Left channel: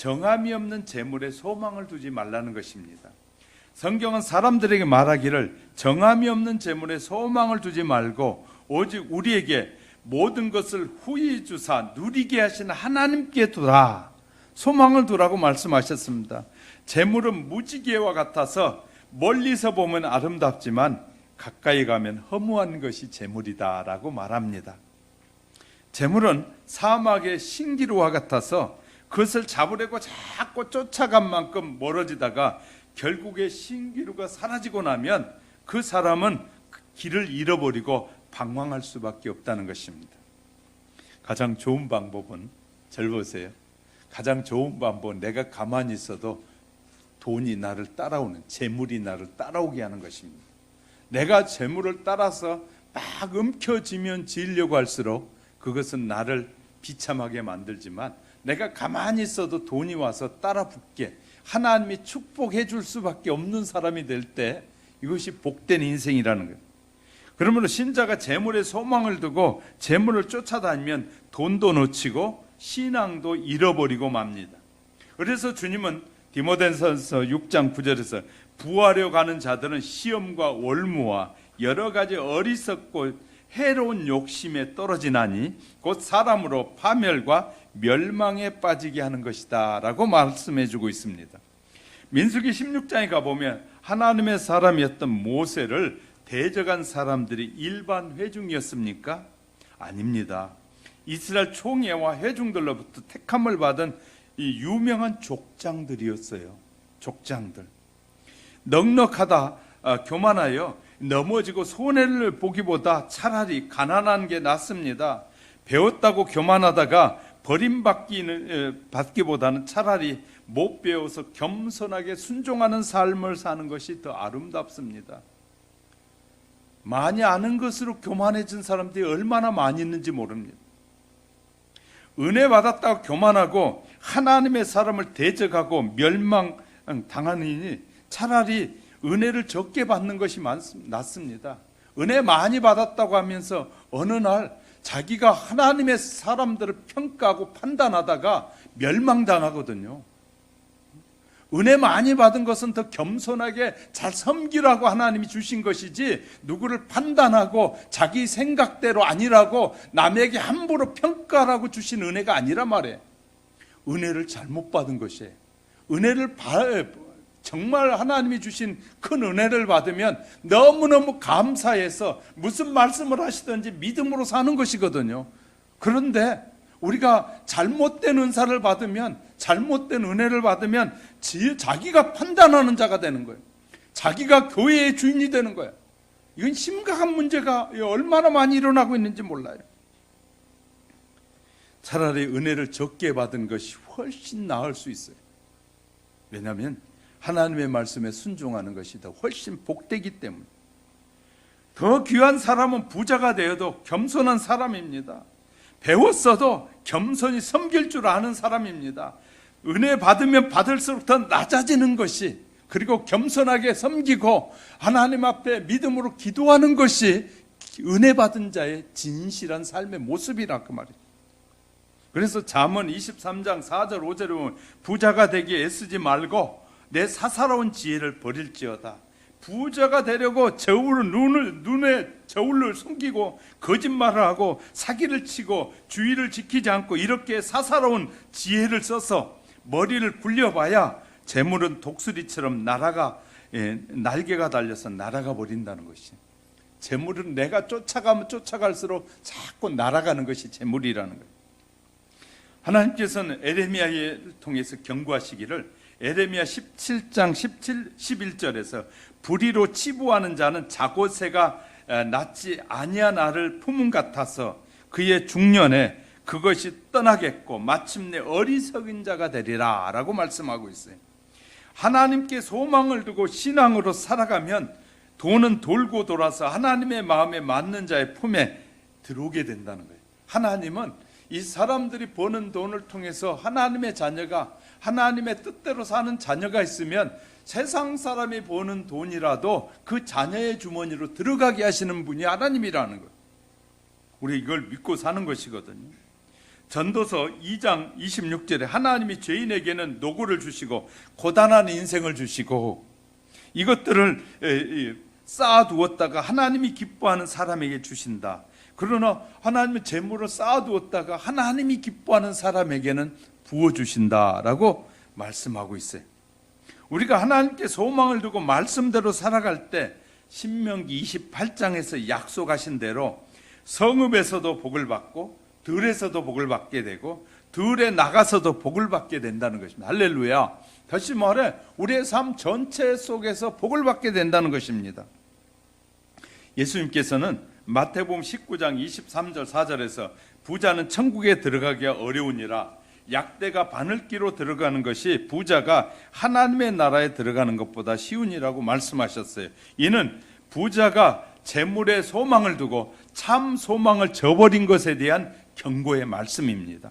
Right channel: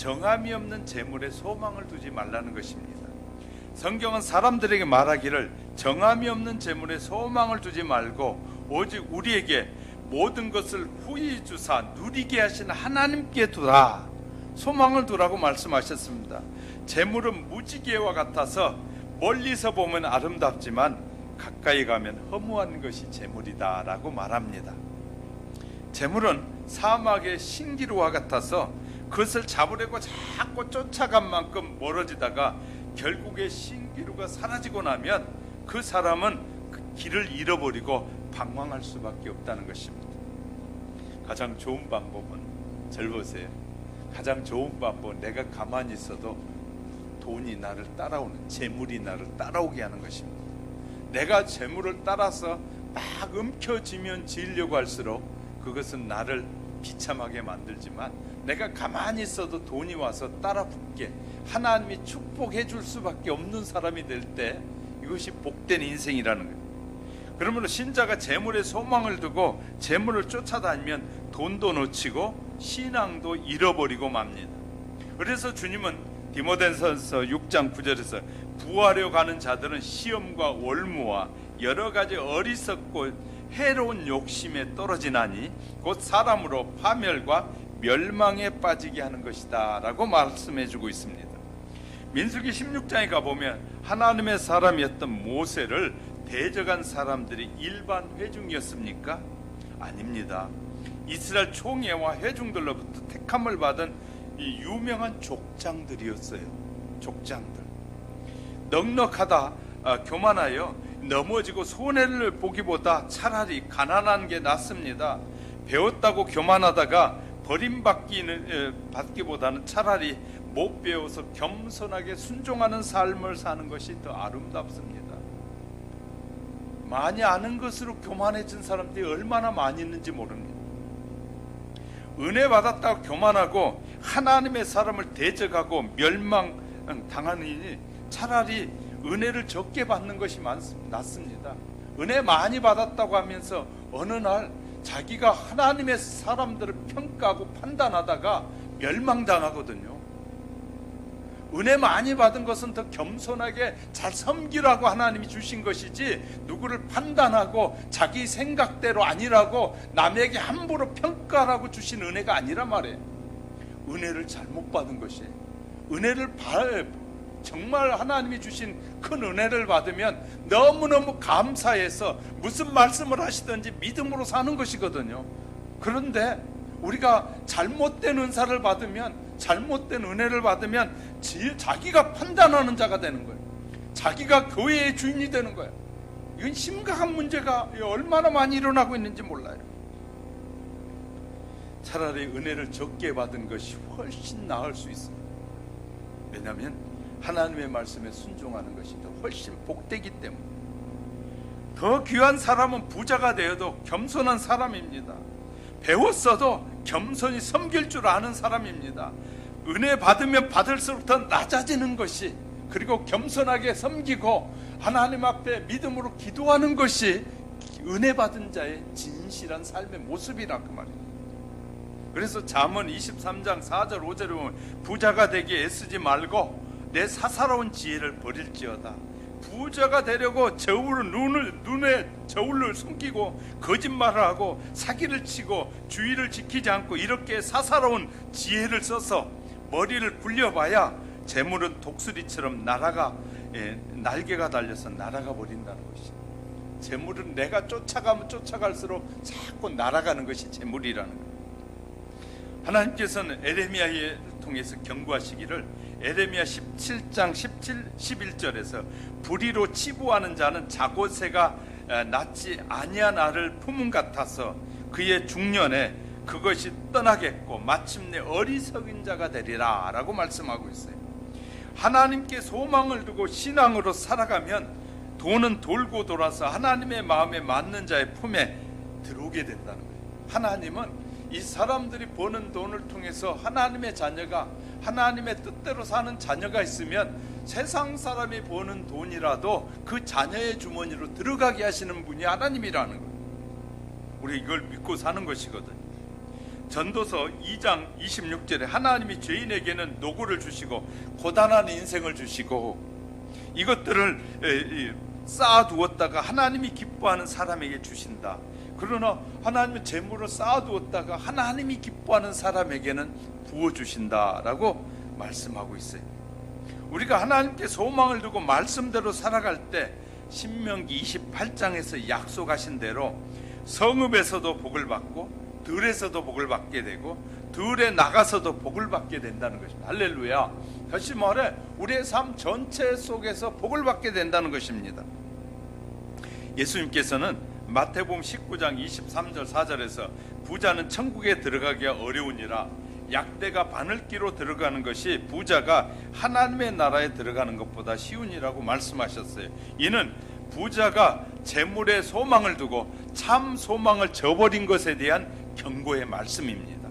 정함이 없는 재물에 소망을 두지 말라는 것입니다. 성경은 사람들에게 말하기를 정함이 없는 재물에 소망을 두지 말고 오직 우리에게 모든 것을 후히 주사 누리게 하시는 하나님께 두라, 소망을 두라고 말씀하셨습니다. 재물은 무지개와 같아서 멀리서 보면 아름답지만 가까이 가면 허무한 것이 재물이다 라고 말합니다. 재물은 사막의 신기루와 같아서 그것을 잡으려고 자꾸 쫓아간 만큼 멀어지다가 결국에 신기루가 사라지고 나면 그 사람은 그 길을 잃어버리고 방황할 수밖에 없다는 것입니다. 가장 좋은 방법은, 잘 보세요, 가장 좋은 방법은 내가 가만히 있어도 돈이 나를 따라오는, 재물이 나를 따라오게 하는 것입니다. 내가 재물을 따라서 막 움켜쥐면 지으려고 할수록 그것은 나를 비참하게 만들지만, 내가 가만히 있어도 돈이 와서 따라 붙게 하나님이 축복해 줄 수밖에 없는 사람이 될 때 이것이 복된 인생이라는 거예요. 그러므로 신자가 재물에 소망을 두고 재물을 쫓아다니면 돈도 놓치고 신앙도 잃어버리고 맙니다. 그래서 주님은 디모데전서 6장 9절에서 부하려 가는 자들은 시험과 월무와 여러 가지 어리석고 해로운 욕심에 떨어지나니 곧 사람으로 파멸과 멸망에 빠지게 하는 것이다 라고 말씀해 주고 있습니다. 민수기 16장에 가보면 하나님의 사람이었던 모세를 대적한 사람들이 일반 회중이었습니까? 아닙니다. 이스라엘 총회와 회중들로부터 택함을 받은 이 유명한 족장들이었어요. 족장들. 넉넉하다, 교만하여 넘어지고 손해를 보기보다 차라리 가난한 게 낫습니다. 배웠다고 교만하다가 버림받기보다는 차라리 못 배워서 겸손하게 순종하는 삶을 사는 것이 더 아름답습니다. 많이 아는 것으로 교만해진 사람들이 얼마나 많이 있는지 모릅니다. 은혜 받았다고 교만하고 하나님의 사람을 대적하고 멸망당하니 차라리 은혜를 적게 받는 것이 낫습니다. 은혜 많이 받았다고 하면서 어느 날 자기가 하나님의 사람들을 평가하고 판단하다가 멸망당하거든요. 은혜 많이 받은 것은 더 겸손하게 잘 섬기라고 하나님이 주신 것이지, 누구를 판단하고 자기 생각대로 아니라고 남에게 함부로 평가라고 주신 은혜가 아니란 말이에요. 은혜를 잘못 받은 것이에요. 은혜를 정말 하나님이 주신 큰 은혜를 받으면 너무너무 감사해서 무슨 말씀을 하시든지 믿음으로 사는 것이거든요. 그런데 우리가 잘못된 은사를 받으면, 잘못된 은혜를 받으면 자기가 판단하는 자가 되는 거예요. 자기가 교회의 주인이 되는 거예요. 이건 심각한 문제가 얼마나 많이 일어나고 있는지 몰라요. 차라리 은혜를 적게 받은 것이 훨씬 나을 수 있어요. 왜냐하면 하나님의 말씀에 순종하는 것이 더 훨씬 복되기 때문에. 더 귀한 사람은 부자가 되어도 겸손한 사람입니다. 배웠어도 겸손히 섬길 줄 아는 사람입니다. 은혜 받으면 받을수록 더 낮아지는 것이, 그리고 겸손하게 섬기고 하나님 앞에 믿음으로 기도하는 것이 은혜 받은 자의 진실한 삶의 모습이라 그 말이에요. 그래서 잠언 23장 4절 5절에 보면 부자가 되기에 애쓰지 말고 내 사사로운 지혜를 버릴지어다. 부자가 되려고 눈에 저울을 숨기고 거짓말을 하고 사기를 치고 주의를 지키지 않고 이렇게 사사로운 지혜를 써서 머리를 굴려봐야 재물은 독수리처럼 날개가 달려서 날아가 버린다는 것이. 재물은 내가 쫓아가면 쫓아갈수록 자꾸 날아가는 것이 재물이라는 거예요. 하나님께서는 에레미야를 통해서 경고하시기를, 에레미야 17장 11절에서 불의로 치부하는 자는 자고새가 낫지 아니한 알을 품은 같아서 그의 중년에 그것이 떠나겠고 마침내 어리석은 자가 되리라 라고 말씀하고 있어요. 하나님께 소망을 두고 신앙으로 살아가면 돈은 돌고 돌아서 하나님의 마음에 맞는 자의 품에 들어오게 된다는 거예요. 하나님은 이 사람들이 버는 돈을 통해서 하나님의 자녀가, 하나님의 뜻대로 사는 자녀가 있으면 세상 사람이 버는 돈이라도 그 자녀의 주머니로 들어가게 하시는 분이 하나님이라는 거예요. 우리 이걸 믿고 사는 것이거든요. 전도서 2장 26절에 하나님이 죄인에게는 노고를 주시고 고단한 인생을 주시고 이것들을 쌓아두었다가 하나님이 기뻐하는 사람에게 주신다. 그러나 하나님의 재물을 쌓아두었다가 하나님이 기뻐하는 사람에게는 부어주신다라고 말씀하고 있어요. 우리가 하나님께 소망을 두고 말씀대로 살아갈 때 신명기 28장에서 약속하신 대로 성읍에서도 복을 받고 들에서도 복을 받게 되고 들에 나가서도 복을 받게 된다는 것입니다. 할렐루야. 다시 말해 우리의 삶 전체 속에서 복을 받게 된다는 것입니다. 예수님께서는 마태복음 19장 23절 4절에서 부자는 천국에 들어가기가 어려우니라 약대가 바늘기로 들어가는 것이 부자가 하나님의 나라에 들어가는 것보다 쉬우니라고 말씀하셨어요. 이는 부자가 재물에 소망을 두고 참 소망을 저버린 것에 대한 경고의 말씀입니다.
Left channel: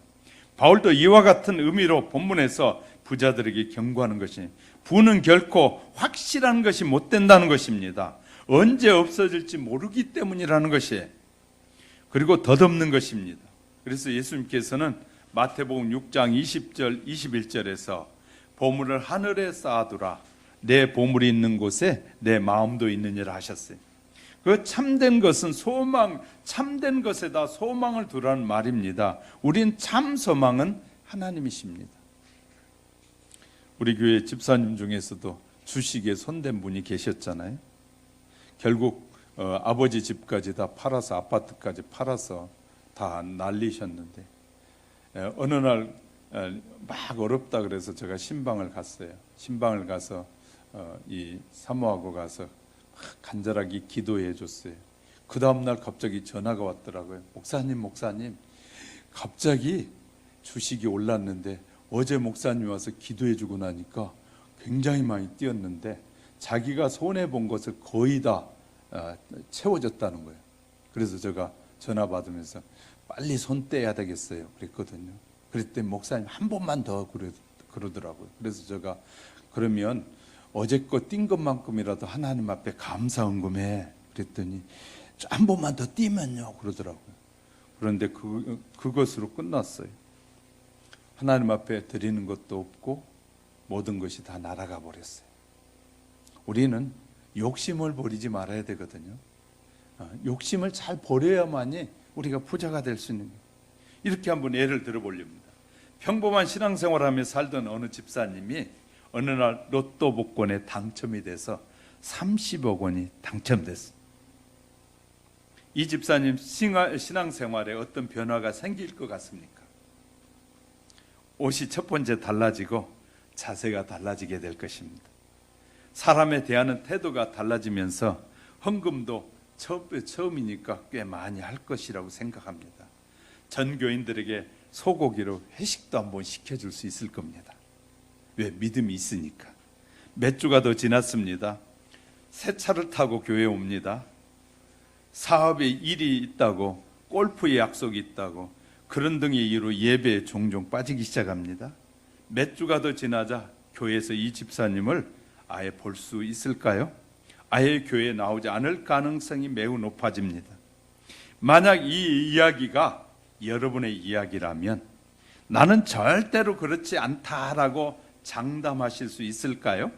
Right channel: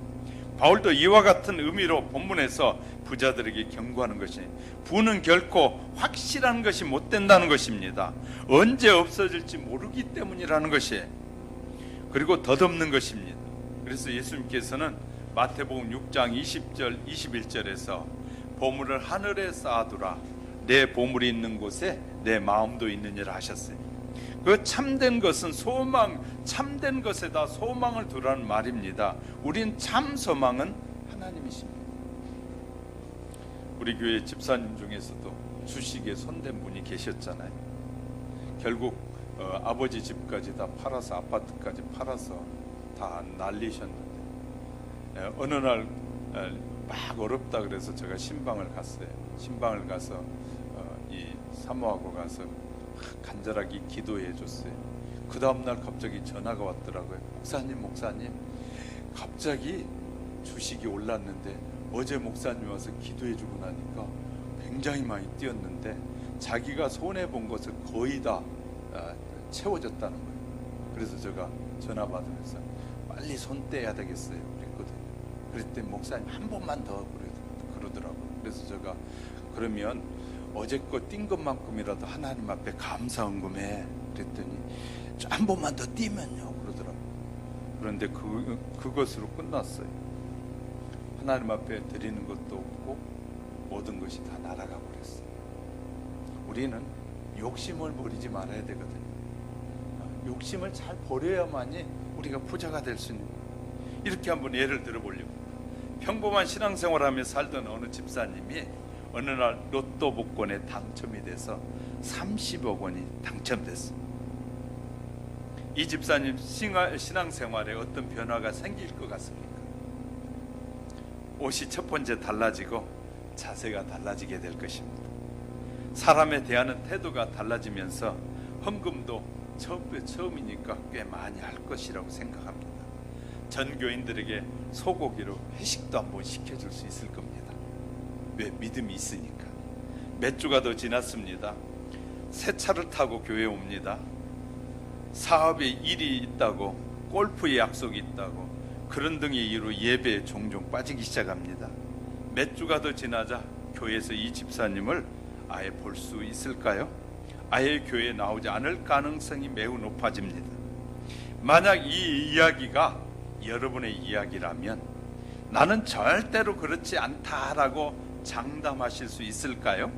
바울도 이와 같은 의미로 본문에서 부자들에게 경고하는 것이 부는 결코 확실한 것이 못 된다는 것입니다. 언제 없어질지 모르기 때문이라는 것이에요. 그리고 덧없는 것입니다. 그래서 예수님께서는 마태복음 6장 20절 21절에서 보물을 하늘에 쌓아두라 내 보물이 있는 곳에 내 마음도 있느니라 하셨어요. 그 참된 것은 소망, 참된 것에다 소망을 두라는 말입니다. 우린 참 소망은 하나님이십니다. 우리 교회 집사님 중에서도 주식에 손댄 분이 계셨잖아요. 결국 아버지 집까지 다 팔아서 아파트까지 팔아서 다 날리셨는데 어느 날 막 어렵다 그래서 제가 신방을 갔어요. 신방을 가서 이 사모하고 가서 간절하게 기도해 줬어요. 그 다음날 갑자기 전화가 왔더라고요. 목사님 갑자기 주식이 올랐는데 어제 목사님 와서 기도해 주고 나니까 굉장히 많이 뛰었는데 자기가 손해본 것을 거의 다 채워졌다는 거예요. 그래서 제가 전화 받으면서 빨리 손 떼야 되겠어요 그랬거든요. 그랬더니 목사님 한 번만 더 그러더라고요. 그래서 제가 그러면 어제껏 뛴 것만큼이라도 하나님 앞에 감사 헌금해 그랬더니 한 번만 더 뛰면요 그러더라고요. 그런데 그것으로 끝났어요. 하나님 앞에 드리는 것도 없고 모든 것이 다 날아가 버렸어요. 우리는 욕심을 버리지 말아야 되거든요. 욕심을 잘 버려야만이 우리가 부자가 될 수 있는 거예요. 이렇게 한번 예를 들어보려고 평범한 신앙생활하며 살던 어느 집사님이 어느 날 로또 복권에 당첨이 돼서 30억 원이 당첨됐어요. 이 집사님 신앙생활에 어떤 변화가 생길 것 같습니까? 옷이 첫 번째 달라지고 자세가 달라지게 될 것입니다. 사람에 대하는 태도가 달라지면서 헌금도 처음이니까 꽤 많이 할 것이라고 생각합니다. 전교인들에게 소고기로 회식도 한번 시켜줄 수 있을 겁니다. 왜? 믿음이 있으니까. 몇 주가 더 지났습니다. 새 차를 타고 교회에 옵니다. 사업에 일이 있다고, 골프에 약속이 있다고, 그런 등의 이유로 예배에 종종 빠지기 시작합니다. 몇 주가 더 지나자 교회에서 이 집사님을 아예 볼 수 있을까요? 아예 교회에 나오지 않을 가능성이 매우 높아집니다. 만약 이 이야기가 여러분의 이야기라면 나는 절대로 그렇지 않다라고 장담하실 수 있을까요?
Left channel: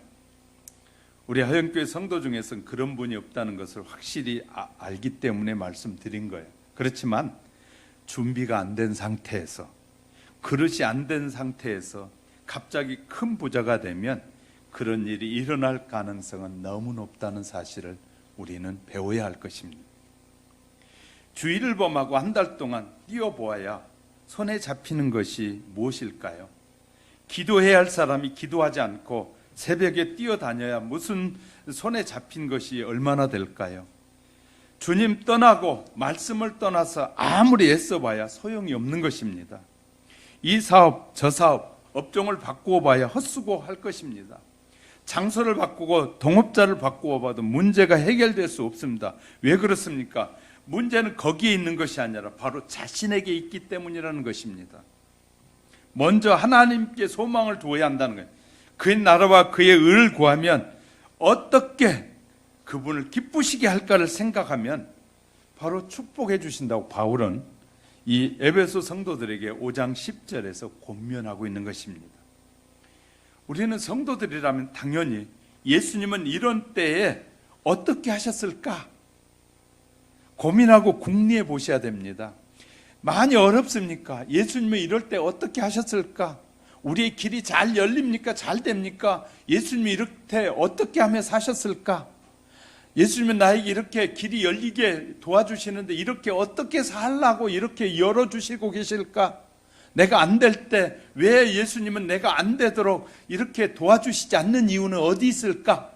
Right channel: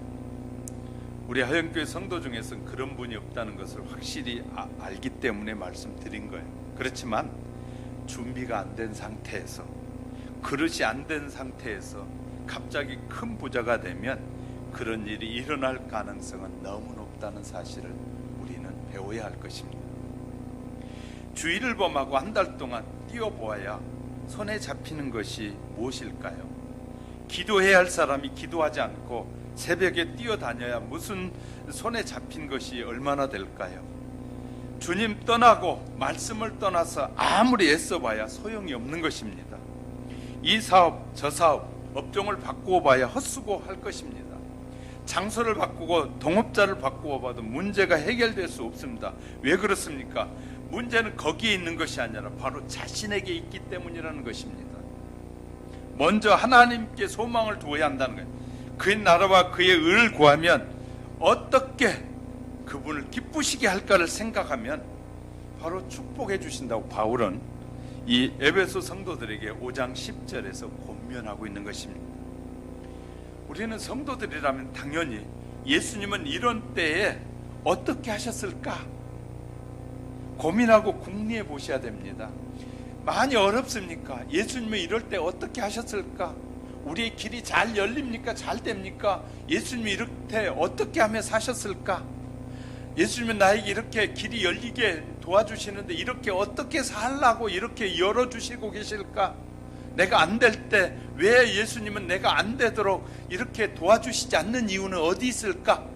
우리 하영교회 성도 중에서는 그런 분이 없다는 것을 확실히 알기 때문에 말씀드린 거예요. 그렇지만 준비가 안 된 상태에서, 그릇이 안 된 상태에서 갑자기 큰 부자가 되면 그런 일이 일어날 가능성은 너무 높다는 사실을 우리는 배워야 할 것입니다. 주일을 범하고 한 달 동안 뛰어보아야 손에 잡히는 것이 무엇일까요? 기도해야 할 사람이 기도하지 않고 새벽에 뛰어다녀야 무슨 손에 잡힌 것이 얼마나 될까요? 주님 떠나고 말씀을 떠나서 아무리 애써봐야 소용이 없는 것입니다. 이 사업 저 사업 업종을 바꾸어 봐야 헛수고할 것입니다. 장소를 바꾸고 동업자를 바꾸어 봐도 문제가 해결될 수 없습니다. 왜 그렇습니까? 문제는 거기에 있는 것이 아니라 바로 자신에게 있기 때문이라는 것입니다. 먼저 하나님께 소망을 두어야 한다는 거예요. 그의 나라와 그의 의를 구하면 어떻게 그분을 기쁘시게 할까를 생각하면 바로 축복해 주신다고 바울은 이 에베소 성도들에게 5장 10절에서 권면하고 있는 것입니다. 우리는 성도들이라면 당연히 예수님은 이런 때에 어떻게 하셨을까 고민하고 궁리해 보셔야 됩니다. 많이 어렵습니까? 예수님은 이럴 때 어떻게 하셨을까? 우리의 길이 잘 열립니까? 잘 됩니까? 예수님이 이렇게 어떻게 하며 사셨을까? 예수님은 나에게 이렇게 길이 열리게 도와주시는데 이렇게 어떻게 살라고 이렇게 열어주시고 계실까? 내가 안 될 때 왜 예수님은 내가 안 되도록 이렇게 도와주시지 않는 이유는 어디 있을까?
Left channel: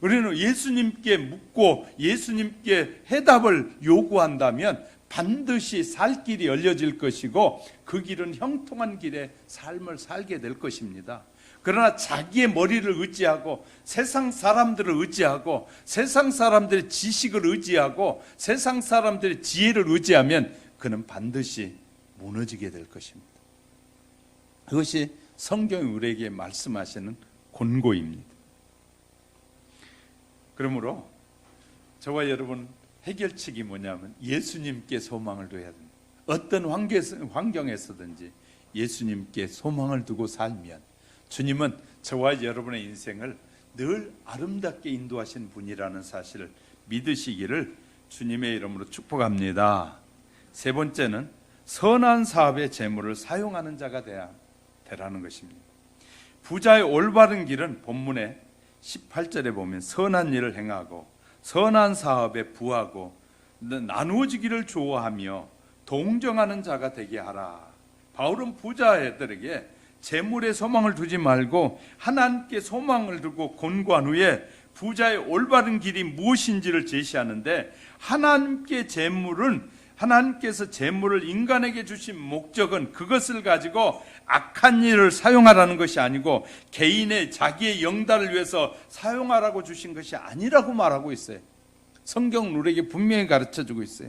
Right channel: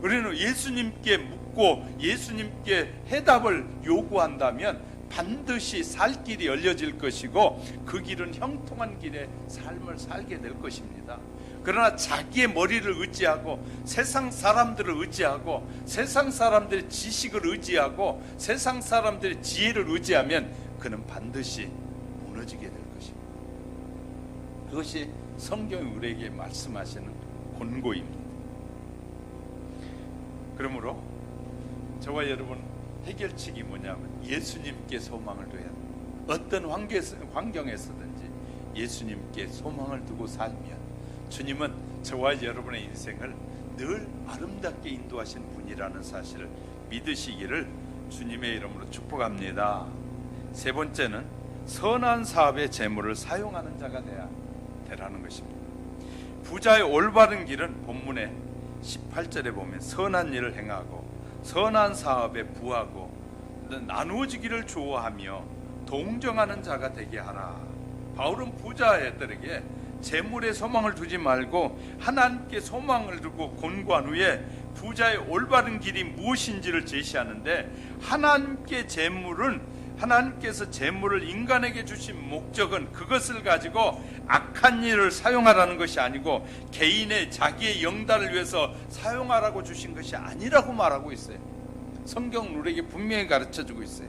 우리는 예수님께 묻고 예수님께 해답을 요구한다면 반드시 살 길이 열려질 것이고 그 길은 형통한 길의 삶을 살게 될 것입니다. 그러나 자기의 머리를 의지하고 세상 사람들을 의지하고 세상 사람들의 지식을 의지하고 세상 사람들의 지혜를 의지하면 그는 반드시 무너지게 될 것입니다. 그것이 성경이 우리에게 말씀하시는 권고입니다. 그러므로 저와 여러분 해결책이 뭐냐면 예수님께 소망을 둬야 돼요. 어떤 환경에서든지 예수님께 소망을 두고 살면 주님은 저와 여러분의 인생을 늘 아름답게 인도하신 분이라는 사실을 믿으시기를 주님의 이름으로 축복합니다. 세 번째는 선한 사업의 재물을 사용하는 자가 되라는 것입니다. 부자의 올바른 길은 본문의 18절에 보면 선한 일을 행하고 선한 사업에 부하고 나누어지기를 좋아하며 동정하는 자가 되게 하라. 바울은 부자들에게 재물에 소망을 두지 말고 하나님께 소망을 두고 권고한 후에 부자의 올바른 길이 무엇인지를 제시하는데 하나님께서 재물을 인간에게 주신 목적은 그것을 가지고 악한 일을 사용하라는 것이 아니고 개인의 자기의 영달을 위해서 사용하라고 주신 것이 아니라고 말하고 있어요. 성경 우리에게 분명히 가르쳐주고 있어요.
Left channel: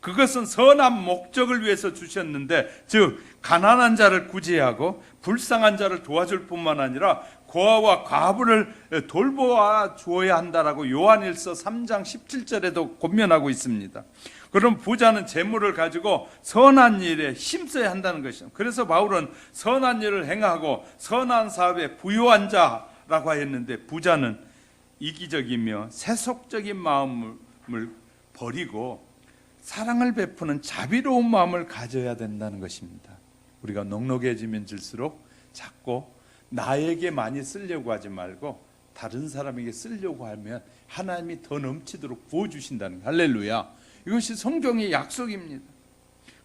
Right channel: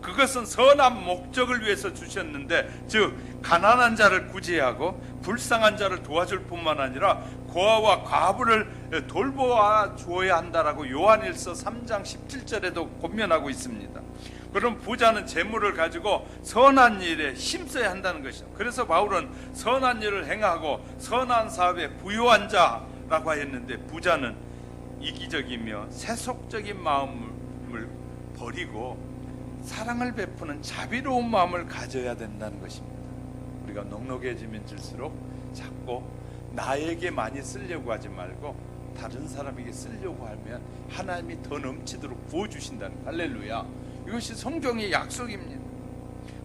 그것은 선한 목적을 위해서 주셨는데 즉 가난한 자를 구제하고 불쌍한 자를 도와줄 뿐만 아니라 고아와 과부를 돌보아 주어야 한다라고 요한일서 3장 17절에도 권면하고 있습니다. 그럼 부자는 재물을 가지고 선한 일에 힘써야 한다는 것이죠. 그래서 바울은 선한 일을 행하고 선한 사업에 부유한 자라고 했는데 부자는 이기적이며 세속적인 마음을 버리고 사랑을 베푸는 자비로운 마음을 가져야 된다는 것입니다. 우리가 넉넉해지면 질수록 자꾸 나에게 많이 쓰려고 하지 말고 다른 사람에게 쓰려고 하면 하나님이 더 넘치도록 부어주신다는 거예요. 할렐루야. 이것이 성경의 약속입니다.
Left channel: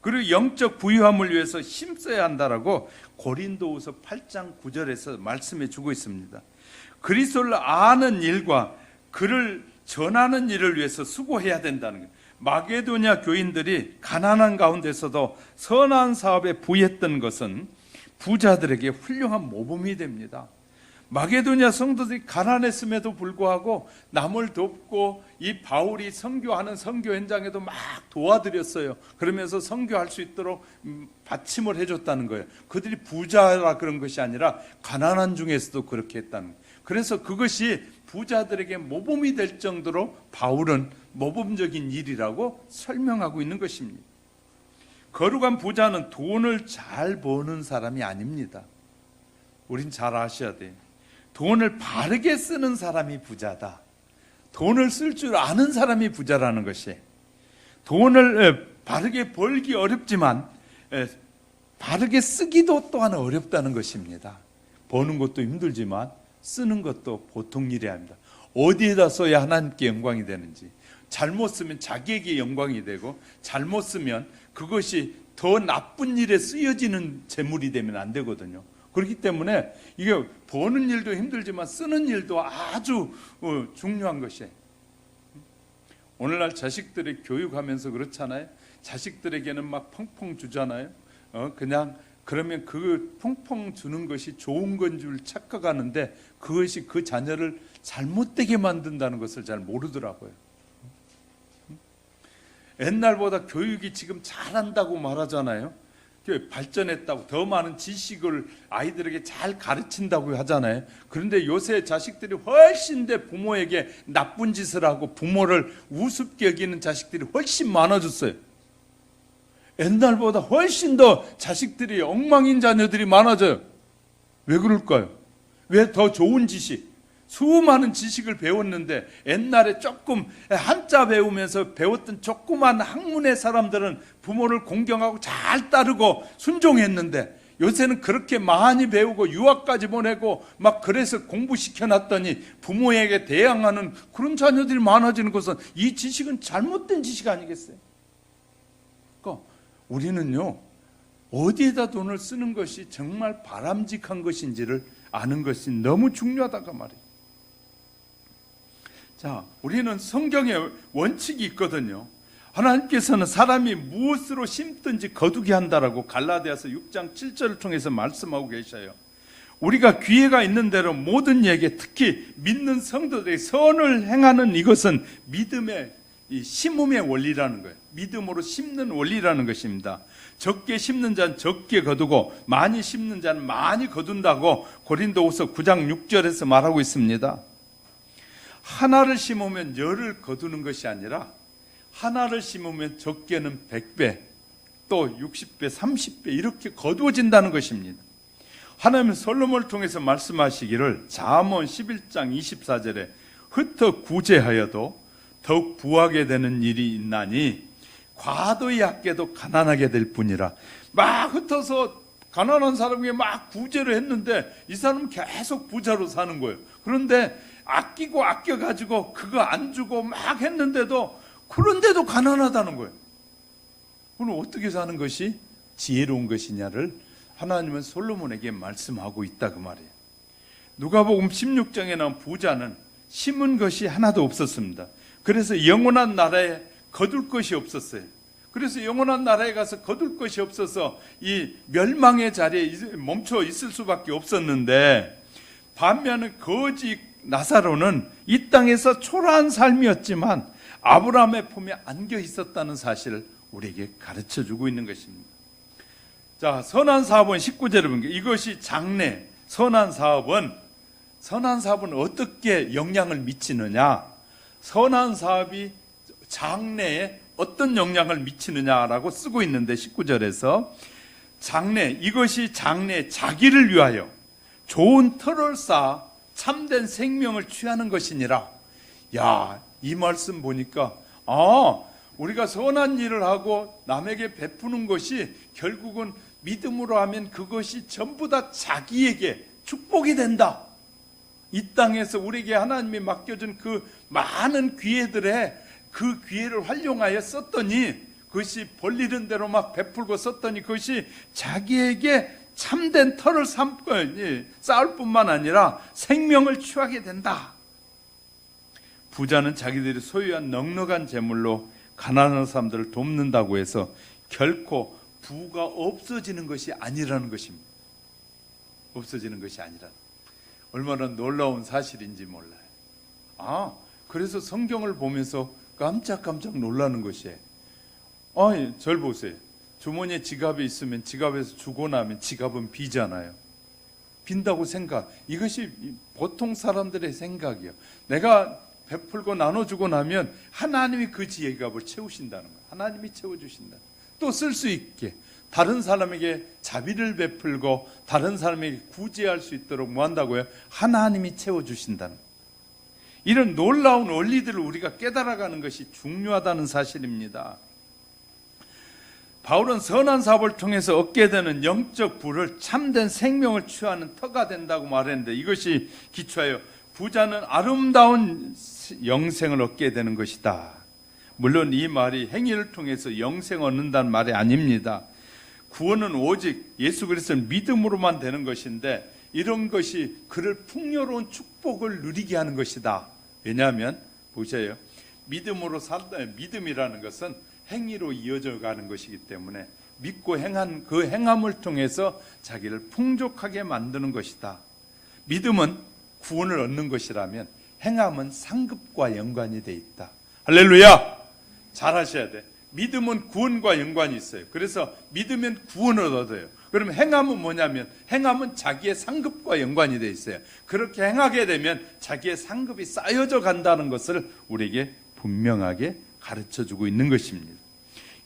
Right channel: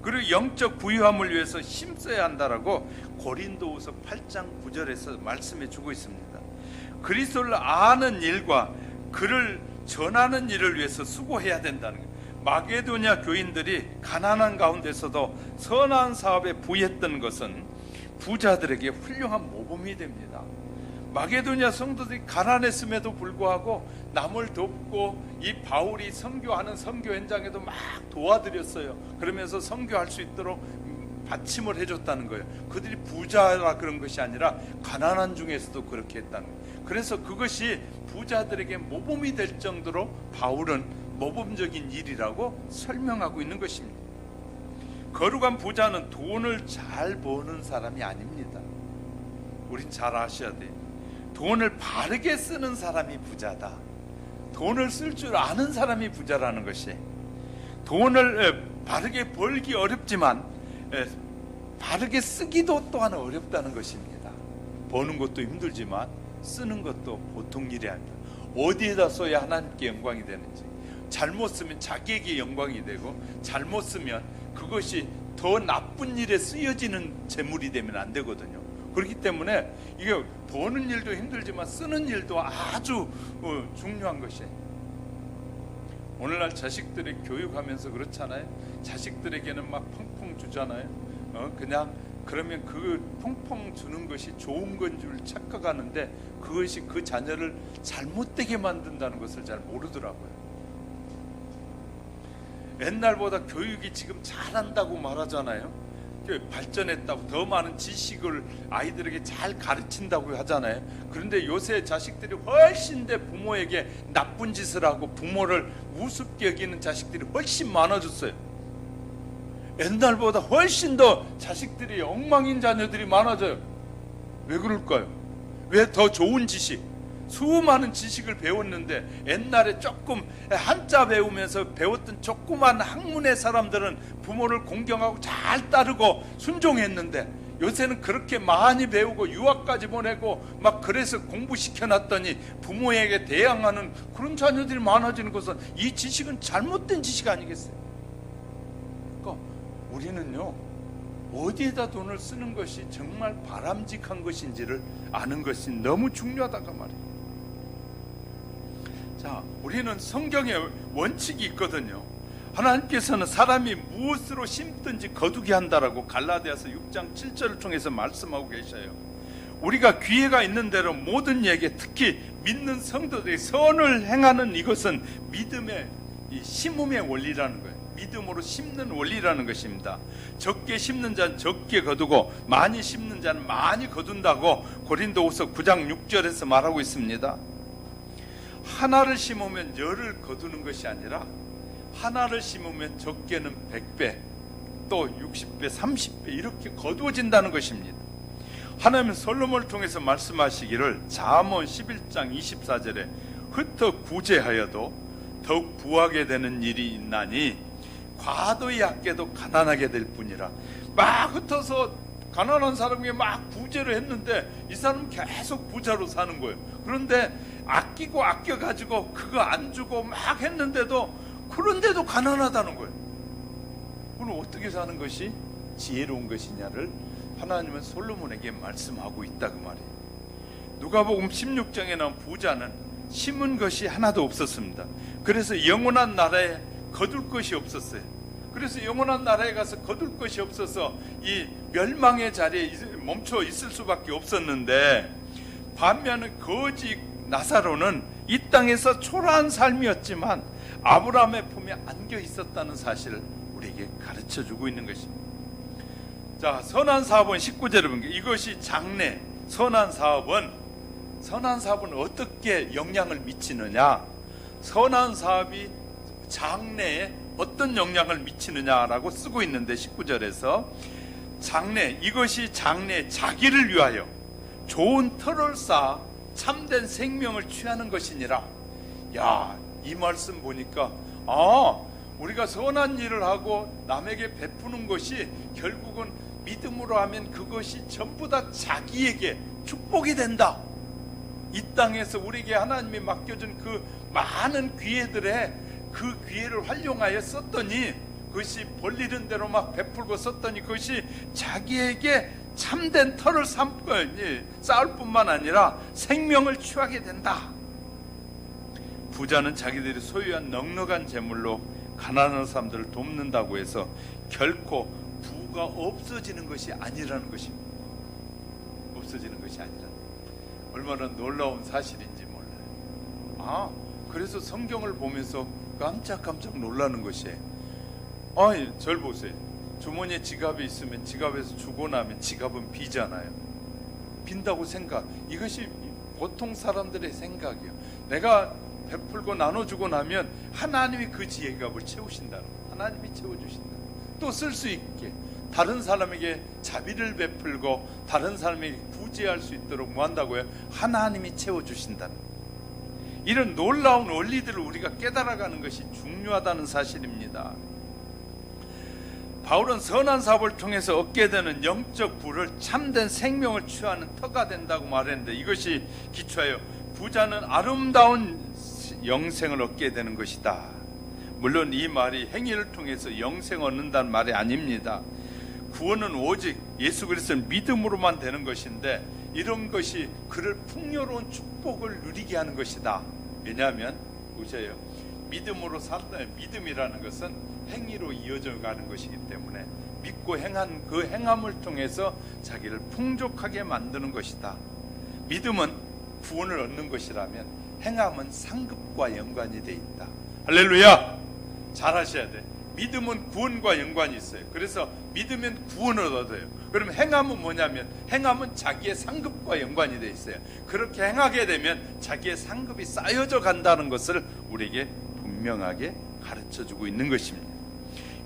그리고 영적 부유함을 위해서 힘써야 한다라고 고린도후서 8장 9절에서 말씀해 주고 있습니다. 그리스도를 아는 일과 그를 전하는 일을 위해서 수고해야 된다는 거예요. 마게도냐 교인들이 가난한 가운데서도 선한 사업에 부했던 것은 부자들에게 훌륭한 모범이 됩니다. 마게도냐 성도들이 가난했음에도 불구하고 남을 돕고 이 바울이 선교하는 선교 현장에도 막 도와드렸어요. 그러면서 선교할 수 있도록 받침을 해줬다는 거예요. 그들이 부자라 그런 것이 아니라 가난한 중에서도 그렇게 했다는 거예요. 그래서 그것이 부자들에게 모범이 될 정도로 바울은 모범적인 일이라고 설명하고 있는 것입니다. 거룩한 부자는 돈을 잘 버는 사람이 아닙니다. 우린 잘 아셔야 돼요. 돈을 바르게 쓰는 사람이 부자다. 돈을 쓸 줄 아는 사람이 부자라는 것이, 돈을 바르게 벌기 어렵지만 바르게 쓰기도 또한 어렵다는 것입니다. 버는 것도 힘들지만 쓰는 것도 보통 일이 아닙니다. 어디에다 써야 하나님께 영광이 되는지, 잘못 쓰면 자기에게 영광이 되고 잘못 쓰면 그것이 더 나쁜 일에 쓰여지는 재물이 되면 안 되거든요. 그렇기 때문에 이게 버는 일도 힘들지만 쓰는 일도 아주 중요한 것이에요. 오늘날 자식들의 교육하면서 그렇잖아요. 자식들에게는 막 펑펑 주잖아요. 그냥 그러면 그 펑펑 주는 것이 좋은 건 줄 착각하는데 그것이 그 자녀를 잘못되게 만든다는 것을 잘 모르더라고요. 옛날보다 교육이 지금 잘한다고 말하잖아요. 발전했다고, 더 많은 지식을 아이들에게 잘 가르친다고 하잖아요. 그런데 요새 자식들이 훨씬 더 부모에게 나쁜 짓을 하고 부모를 우습게 여기는 자식들이 훨씬 많아졌어요. 옛날보다 훨씬 더 자식들이 엉망인 자녀들이 많아져요. 왜 그럴까요? 왜? 더 좋은 지식, 수많은 지식을 배웠는데 옛날에 조금 한자 배우면서 배웠던 조그만 학문의 사람들은 부모를 공경하고 잘 따르고 순종했는데, 요새는 그렇게 많이 배우고 유학까지 보내고 막 그래서 공부시켜놨더니 부모에게 대항하는 그런 자녀들이 많아지는 것은 이 지식은 잘못된 지식 아니겠어요? 그러니까 우리는요, 어디에다 돈을 쓰는 것이 정말 바람직한 것인지를 아는 것이 너무 중요하다고 말이에요. 자, 우리는 성경에 원칙이 있거든요. 하나님께서는 사람이 무엇으로 심든지 거두게 한다라고 갈라디아서 6장 7절을 통해서 말씀하고 계셔요. 우리가 기회가 있는 대로 모든 얘기, 특히 믿는 성도들이 선을 행하는 이것은 믿음의 이 심음의 원리라는 거예요. 믿음으로 심는 원리라는 것입니다. 적게 심는 자는 적게 거두고 많이 심는 자는 많이 거둔다고 고린도후서 9장 6절에서 말하고 있습니다. 하나를 심으면 열을 거두는 것이 아니라 하나를 심으면 적게는 100배, 또 60배, 30배 이렇게 거두어진다는 것입니다. 하나님은 솔로몬을 통해서 말씀하시기를 잠언 11장 24절에 흩어 구제하여도 더욱 부하게 되는 일이 있나니 과도히 아껴도 가난하게 될 뿐이라. 막 흩어서 가난한 사람에게 막 구제를 했는데 이 사람은 계속 부자로 사는 거예요. 그런데 아끼고 아껴가지고 그거 안 주고 막 했는데도, 그런데도 가난하다는 거예요. 그럼 어떻게 사는 것이 지혜로운 것이냐를 하나님은 솔로몬에게 말씀하고 있다 그 말이에요. 누가복음 16장에 나온 부자는 심은 것이 하나도 없었습니다. 그래서 영원한 나라에 거둘 것이 없었어요. 그래서 영원한 나라에 가서 거둘 것이 없어서 이 멸망의 자리에 멈춰 있을 수밖에 없었는데, 반면에 거지 나사로는 이 땅에서 초라한 삶이었지만 아브라함의 품에 안겨 있었다는 사실을 우리에게 가르쳐주고 있는 것입니다. 자, 선한 사업은 19절에 보면 이것이 장래. 선한 사업은 어떻게 영향을 미치느냐, 선한 사업이 장래에 어떤 영향을 미치느냐라고 쓰고 있는데, 19절에서 장래, 이것이 장래 자기를 위하여 좋은 터를 쌓아 참된 생명을 취하는 것이니라. 야, 이 말씀 보니까 우리가 선한 일을 하고 남에게 베푸는 것이 결국은 믿음으로 하면 그것이 전부 다 자기에게 축복이 된다. 이 땅에서 우리에게 하나님이 맡겨준 그 많은 기회들에 그 기회를 활용하여 썼더니, 그것이 벌리는 대로 막 베풀고 썼더니 그것이 자기에게 참된 터를 쌓을 뿐만 아니라 생명을 취하게 된다. 부자는 자기들이 소유한 넉넉한 재물로 가난한 사람들을 돕는다고 해서 결코 부가 없어지는 것이 아니라는 것입니다. 없어지는 것이 아니라. 얼마나 놀라운 사실인지 몰라요. 그래서 성경을 보면서 깜짝깜짝 놀라는 것이에요. 절 보세요. 주머니에 지갑이 있으면 지갑에서 주고 나면 지갑은 비잖아요. 빈다고 생각. 이것이 보통 사람들의 생각이에요. 내가 베풀고 나눠주고 나면 하나님이 그 지갑을 채우신다. 하나님이 채워주신다. 또 쓸 수 있게 다른 사람에게 자비를 베풀고 다른 사람에게 구제할 수 있도록 뭐 한다고요? 하나님이 채워주신다는, 이런 놀라운 원리들을 우리가 깨달아가는 것이 중요하다는 사실입니다. 바울은 선한 사업을 통해서 얻게 되는 영적 부를 참된 생명을 취하는 터가 된다고 말했는데, 이것이 기초하여 부자는 아름다운 영생을 얻게 되는 것이다. 물론 이 말이 행위를 통해서 영생 얻는다는 말이 아닙니다. 구원은 오직 예수 그리스도를 믿음으로만 되는 것인데, 이런 것이 그를 풍요로운 축복을 누리게 하는 것이다. 왜냐하면 보세요, 믿음으로 살다, 믿음이라는 것은 행위로 이어져 가는 것이기 때문에 믿고 행한 그 행함을 통해서 자기를 풍족하게 만드는 것이다. 믿음은 구원을 얻는 것이라면 행함은 상급과 연관이 돼 있다. 할렐루야! 잘 하셔야 돼. 믿음은 구원과 연관이 있어요. 그래서 믿으면 구원을 얻어요. 그럼 행함은 뭐냐면, 행함은 자기의 상급과 연관이 돼 있어요. 그렇게 행하게 되면 자기의 상급이 쌓여져 간다는 것을 우리에게 분명하게 가르쳐주고 있는 것입니다.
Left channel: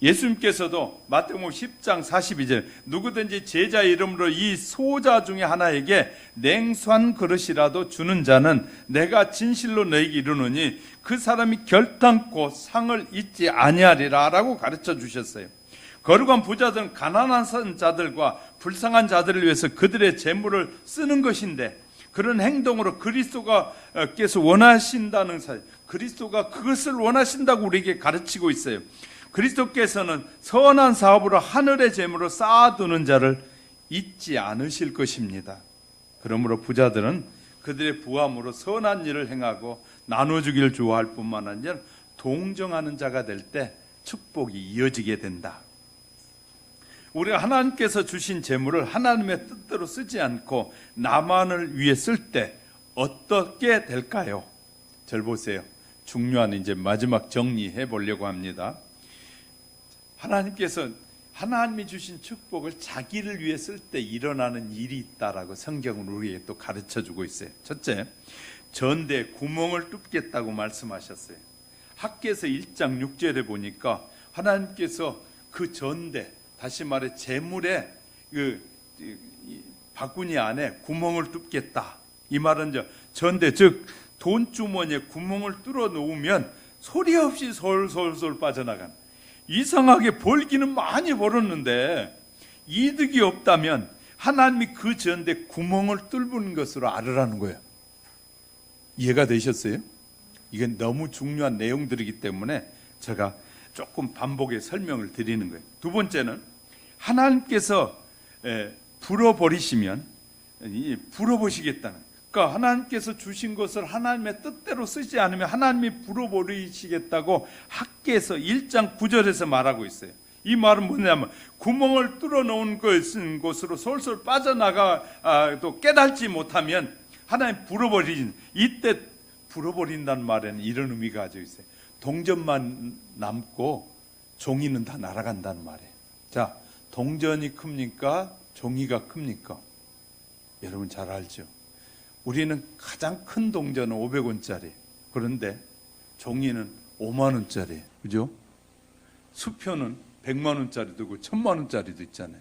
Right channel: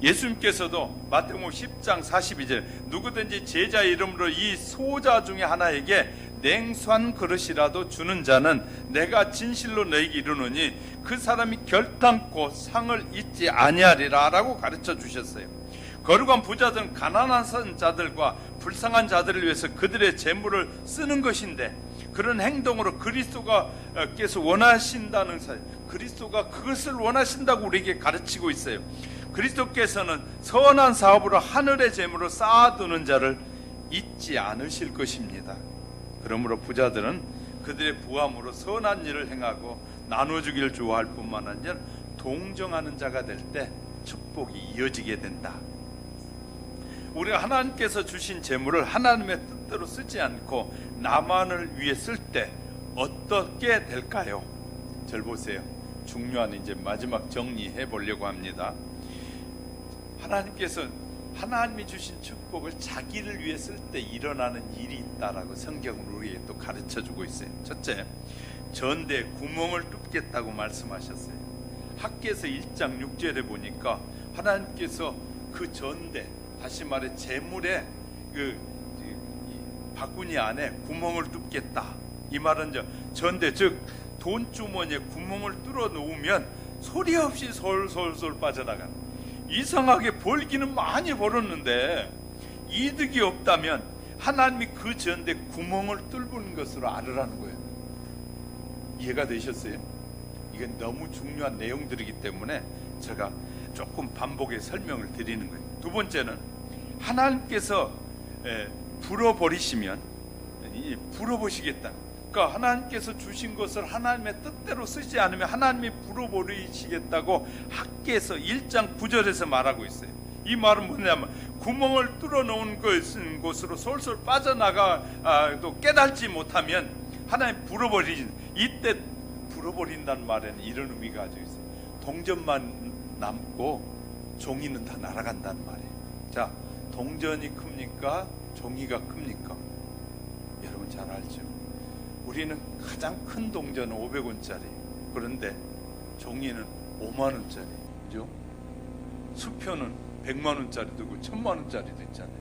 예수님께서도 마태복음 10장 42절 누구든지 제자 이름으로 이 소자 중에 하나에게 냉수한 그릇이라도 주는 자는 내가 진실로 너희에게 이르노니 그 사람이 결탄코 상을 잊지 아니하리라 라고 가르쳐 주셨어요. 거룩한 부자들은 가난한 자들과 불쌍한 자들을 위해서 그들의 재물을 쓰는 것인데, 그런 행동으로 그리스도께서 원하신다는 사실, 그리스도가 그것을 원하신다고 우리에게 가르치고 있어요. 그리스도께서는 선한 사업으로 하늘의 재물을 쌓아두는 자를 잊지 않으실 것입니다. 그러므로 부자들은 그들의 부함으로 선한 일을 행하고 나눠주기를 좋아할 뿐만 아니라 동정하는 자가 될 때 축복이 이어지게 된다. 우리가 하나님께서 주신 재물을 하나님의 뜻대로 쓰지 않고 나만을 위해 쓸 때 어떻게 될까요? 절 보세요. 중요한 이제 마지막 정리해 보려고 합니다. 하나님께서 하나님이 주신 축복을 자기를 위해 쓸 때 일어나는 일이 있다라고 성경은 우리에게 또 가르쳐주고 있어요. 첫째, 전대에 구멍을 뚫겠다고 말씀하셨어요. 학개서 1장 6절에 보니까 하나님께서 그 전대, 다시 말해 재물의 그 바구니 안에 구멍을 뚫겠다. 이 말은 전대, 즉 돈주머니에 구멍을 뚫어 놓으면 소리 없이 솔솔솔 빠져나가는, 이상하게 벌기는 많이 벌었는데 이득이 없다면 하나님이 그 전대 구멍을 뚫는 것으로 알으라는 거예요. 이해가 되셨어요? 이게 너무 중요한 내용들이기 때문에 제가 조금 반복해 설명을 드리는 거예요. 두 번째는 하나님께서 불어버리시면 불어보시겠다. 그러니까 하나님께서 주신 것을 하나님의 뜻대로 쓰지 않으면 하나님이 불어버리시겠다고 학개서 1장 9절에서 말하고 있어요. 이 말은 뭐냐면 구멍을 뚫어놓은 곳으로 솔솔 빠져나가도 깨닫지 못하면 하나님 불어버리신, 이때 불어버린다는 말에는 이런 의미가 가지고 있어요. 동전만 남고 종이는 다 날아간다는 말이에요. 자, 동전이 큽니까? 종이가 큽니까? 여러분 잘 알죠? 우리는 가장 큰 동전은 500원짜리, 그런데 종이는 5만원짜리, 그죠? 수표는 100만원짜리도 있고 1000만원짜리도 있잖아요.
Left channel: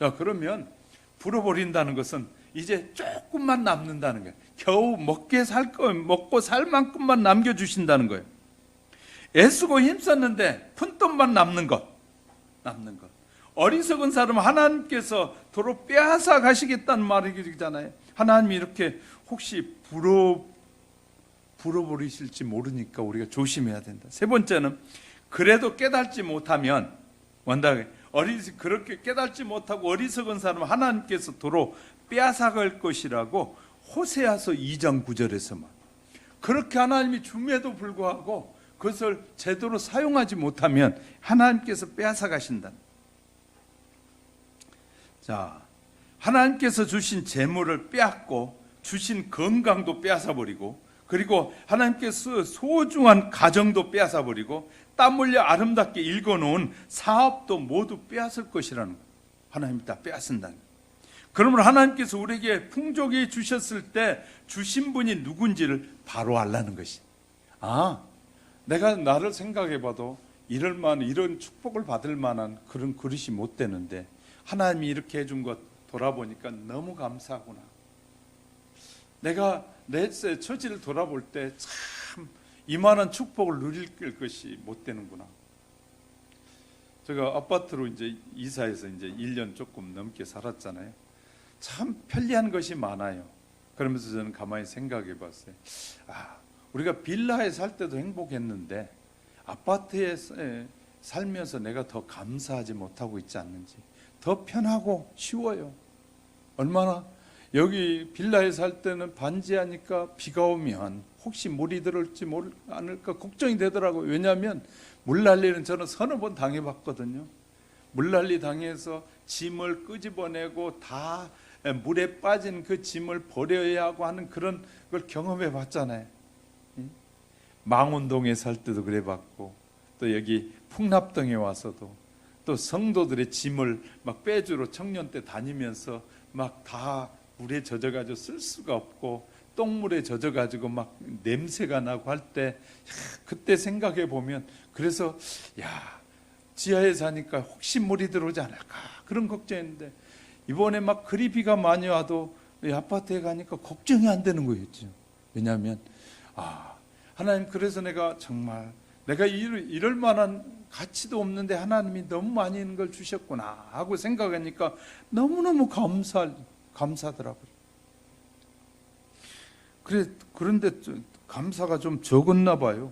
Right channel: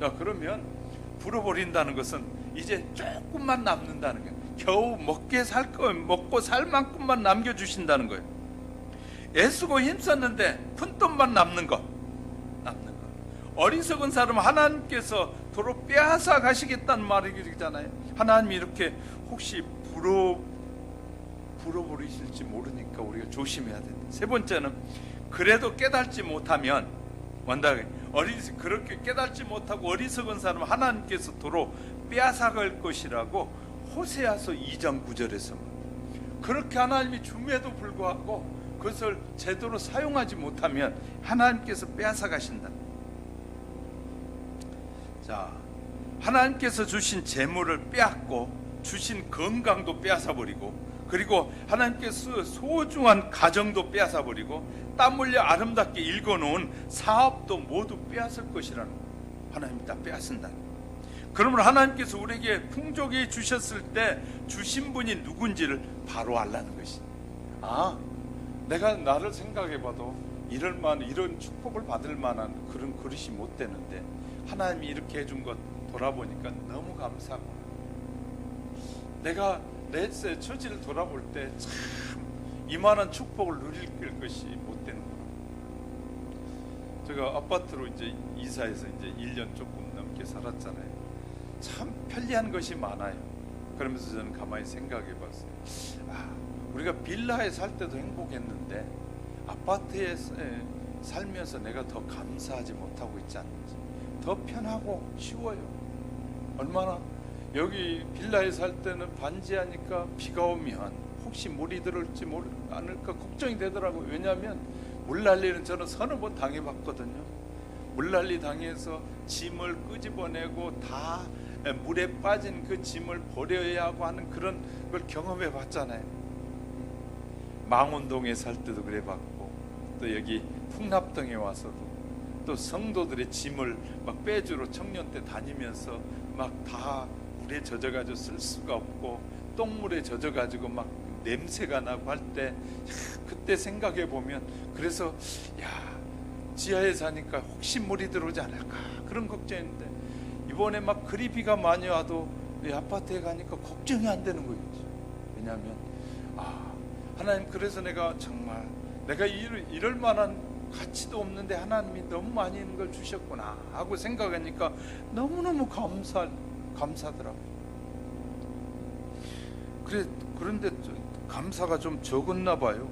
자, 그러면 불어버린다는 것은 이제 조금만 남는다는 거예요. 겨우 먹고 살 만큼만 남겨주신다는 거예요. 애쓰고 힘썼는데 푼돈만 남는 것. 어리석은 사람은 하나님께서 도로 빼앗아 가시겠다는 말이잖아요. 하나님이 이렇게 혹시 불어버리실지 모르니까 우리가 조심해야 된다. 세 번째는 그래도 깨닫지 못하면 그렇게 깨닫지 못하고 어리석은 사람은 하나님께서 도로 빼앗아 갈 것이라고 호세아서 2장 9절에서 그렇게 하나님이 줌에도 불구하고 그것을 제대로 사용하지 못하면 하나님께서 빼앗아 가신다. 자, 하나님께서 주신 재물을 빼앗고 주신 건강도 빼앗아버리고, 그리고 하나님께서 소중한 가정도 빼앗아버리고 땀 흘려 아름답게 읽어놓은 사업도 모두 빼앗을 것이라는 거예요. 하나님이 다 빼앗는다. 그러므로 하나님께서 우리에게 풍족히 주셨을 때 주신 분이 누군지를 바로 알라는 것이, 내가 나를 생각해봐도 이런 축복을 받을 만한 그런 그릇이 못 되는데 하나님이 이렇게 해준 것 돌아보니까 너무 감사하구나. 내가 내 처지를 돌아볼 때 참 이만한 축복을 누릴 것이 못 되는구나. 제가 아파트로 이제 이사해서 이제 1년 조금 넘게 살았잖아요. 참 편리한 것이 많아요. 그러면서 저는 가만히 생각해 봤어요. 우리가 빌라에 살 때도 행복했는데 아파트에 살면서 내가 더 감사하지 못하고 있지 않는지. 더 편하고 쉬워요. 얼마나, 여기 빌라에 살 때는 반지하니까 비가 오면 혹시 물이 들을지 않을까 걱정이 되더라고요. 왜냐하면 물난리는 저는 서너 번 당해봤거든요. 물난리 당해서 짐을 끄집어내고 다 물에 빠진 그 짐을 버려야 하고 하는 그런 걸 경험해 봤잖아요. 망원동에 살 때도 그래 봤고, 또 여기 풍납동에 와서도 또 성도들의 짐을 막 빼주러 청년 때 다니면서 막 다 물에 젖어가지고 쓸 수가 없고 똥물에 젖어가지고 막 냄새가 나고 할 때, 그때 생각해 보면, 그래서 지하에 사니까 혹시 물이 들어오지 않을까 그런 걱정했는데, 이번에 막 그리 비가 많이 와도 이 아파트에 가니까 걱정이 안 되는 거였죠. 왜냐하면 하나님, 그래서 내가 정말 내가 이럴 만한 가치도 없는데 하나님이 너무 많이 있는 걸 주셨구나 하고 생각하니까 너무너무 감사하더라고요. 그런데 감사가 좀 적었나 봐요.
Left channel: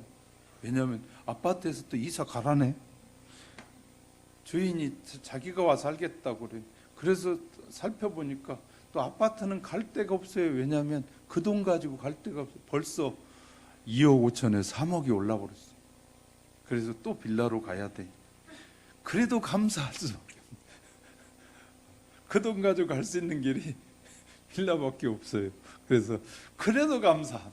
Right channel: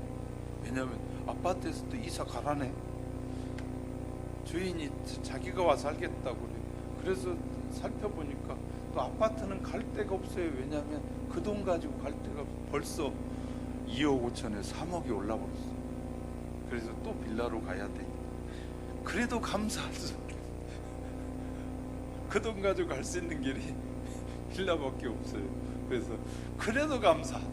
왜냐하면 아파트에서 또 이사 가라네. 주인이 자기가 와서 살겠다고 그래요. 그래서 살펴보니까 또 아파트는 갈 데가 없어요. 왜냐하면 그 돈 가지고 갈 데가 벌써 2억 5천에 3억이 올라버렸어. 그래서 또 빌라로 가야 돼. 그래도 감사하죠. 그 돈 가지고 갈 수 있는 길이 빌라밖에 없어요. 그래서 그래도 감사해요.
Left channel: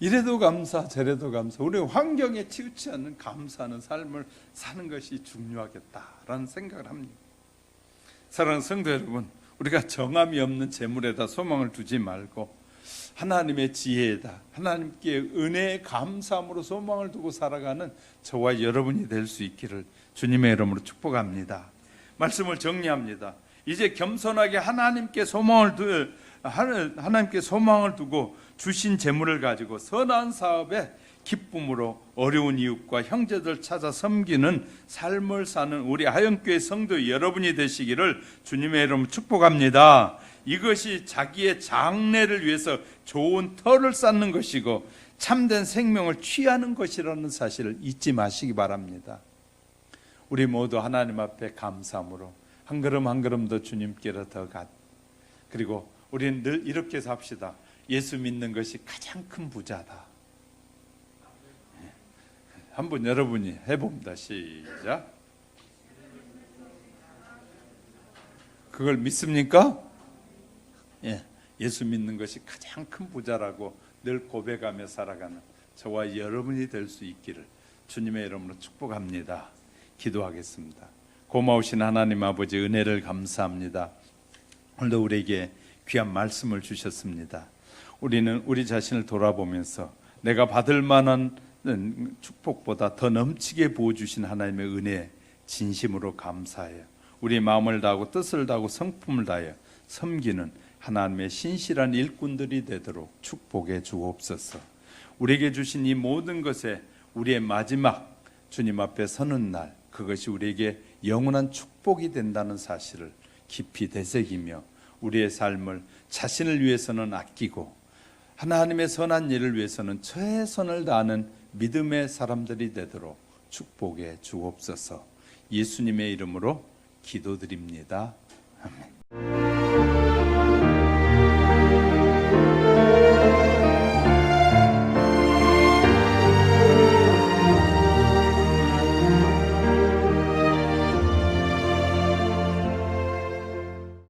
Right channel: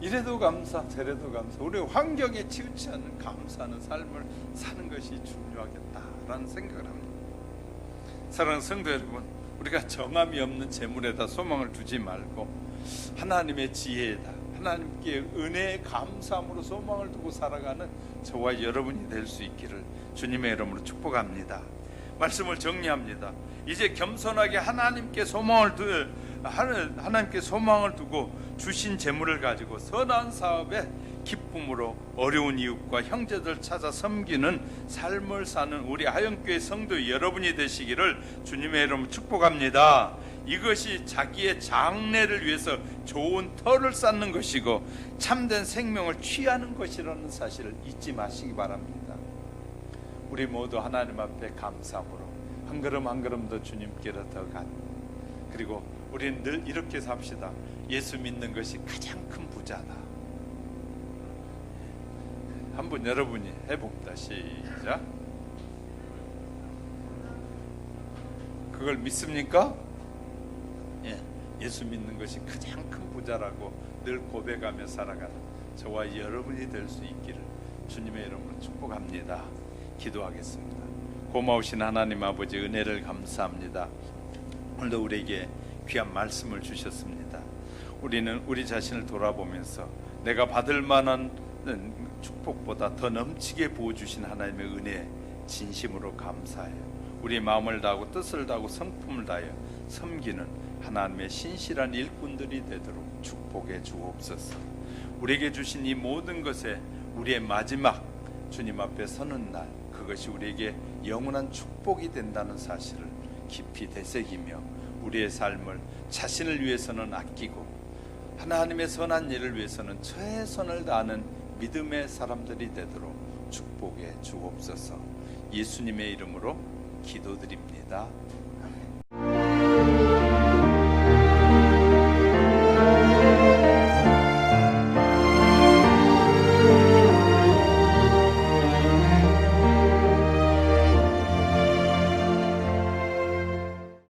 이래도 감사, 저래도 감사. 우리 환경에 치우치 않는 감사하는 삶을 사는 것이 중요하겠다라는 생각을 합니다. 사랑하는 성도 여러분, 우리가 정함이 없는 재물에다 소망을 두지 말고 하나님의 지혜에다, 하나님께 은혜의 감사함으로 소망을 두고 살아가는 저와 여러분이 될 수 있기를 주님의 이름으로 축복합니다. 말씀을 정리합니다. 이제 겸손하게 하나님께 소망을 두고 주신 재물을 가지고 선한 사업에 기쁨으로 어려운 이웃과 형제들 찾아 섬기는 삶을 사는 우리 하영교회 성도 여러분이 되시기를 주님의 이름으로 축복합니다. 이것이 자기의 장래를 위해서 좋은 터를 쌓는 것이고 참된 생명을 취하는 것이라는 사실을 잊지 마시기 바랍니다. 우리 모두 하나님 앞에 감사함으로 한 걸음 한 걸음 더 주님께로 더 간, 그리고 우리는 늘 이렇게 삽시다. 예수 믿는 것이 가장 큰 부자다. 한번 여러분이 해봅니다. 시작. 그걸 믿습니까? 예수 믿는 것이 가장 큰 부자라고 늘 고백하며 살아가는 저와 여러분이 될 수 있기를 주님의 이름으로 축복합니다. 기도하겠습니다. 고마우신 하나님 아버지, 은혜를 감사합니다. 오늘도 우리에게 귀한 말씀을 주셨습니다. 우리는 우리 자신을 돌아보면서 내가 받을 만한 축복보다 더 넘치게 부어주신 하나님의 은혜에 진심으로 감사해요. 우리 마음을 다하고 뜻을 다하고 성품을 다하여 섬기는 하나님의 신실한 일꾼들이 되도록 축복해 주옵소서. 우리에게 주신 이 모든 것에 우리의 마지막 주님 앞에 서는 날, 그것이 우리에게 영원한 축복이 된다는 사실을 깊이 되새기며 우리의 삶을 자신을 위해서는 아끼고 하나님의 선한 일을 위해서는 최선을 다하는 믿음의 사람들이 되도록 축복해 주옵소서. 예수님의 이름으로 기도드립니다.